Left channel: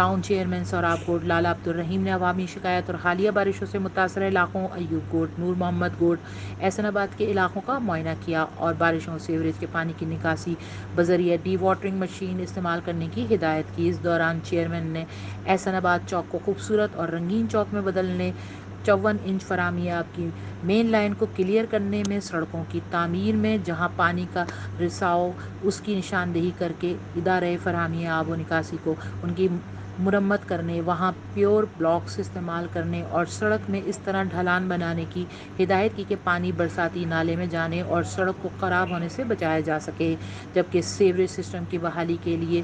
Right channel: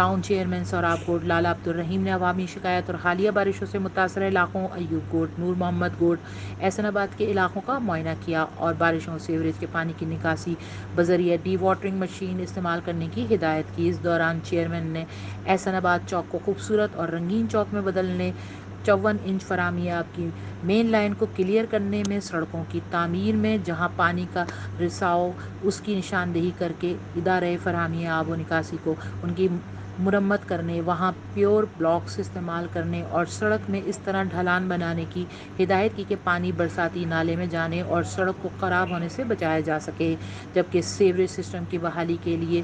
Town chairman سوراب good, لالا عبدالرحیم نے عوامی شکایت اور حالیہ بارشوں سے متاثرہ علاقوں ایوب گوڈ، نور محمد گوڈ، احسن آباد کے علاقوں کا معائنہ کیا اور بارشوں سیوریج کے پانی کی نکاسی بذریعہ ڈی واٹرنگ مشین استعمال کرنے کی ہدایت کی۔ اس دوران چیئرمین نے احسن آباد چوک کو خوبصورت اور رنگین چوک میں بدلنے، 54 انچ فراہمی آب کی مین لائن کو کلیئر کرنے میں، سڑکوں کی تعمیر میں جہاں پانی کا رساؤ اس کی نشاندہی کرکے ادارۂ فراہمی آب و نکاسی کو ان کی مرمت کرنے، وہاں پیور بلاکس استعمال کرنے اور سڑک میں اس طرح ڈھلان بنانے کی ہدایت کی کہ پانی برساتی نالے میں جانے اور سڑک کو خراب ہونے سے بچایا جا سکے، جبکہ سیوریج سسٹم کی بحالی کے لیے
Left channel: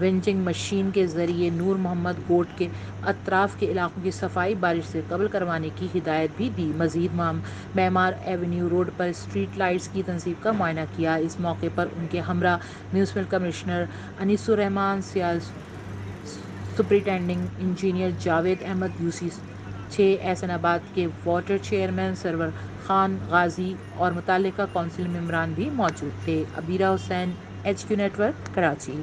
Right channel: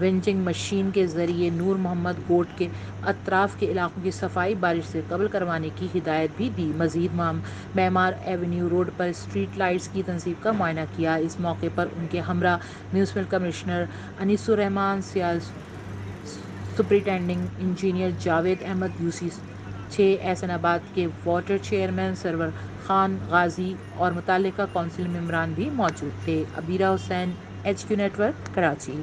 ونچنگ مشین کے ذریعے نور محمد گوڈ کے اطراف کے علاقوں کی صفائی بارش سے قبل کروانے کی ہدایت بھی دی۔ مزید معمار ایونیو روڈ پر اسٹریٹ لائٹس کی تنصیب کا معائنہ کیا۔ اس موقع پر ان کے ہمراہ میونسپل کمشنر انیس الرحمان، سیال سپرنٹنڈنگ انجینئر جاوید احمد UC 6، احسن آباد کے واٹر چیئرمین سرور خان غازی اور متعلقہ کونسل ممبران بھی موجود تھے۔ عبیرہ حسین، HQ نیٹ ورک، کراچی۔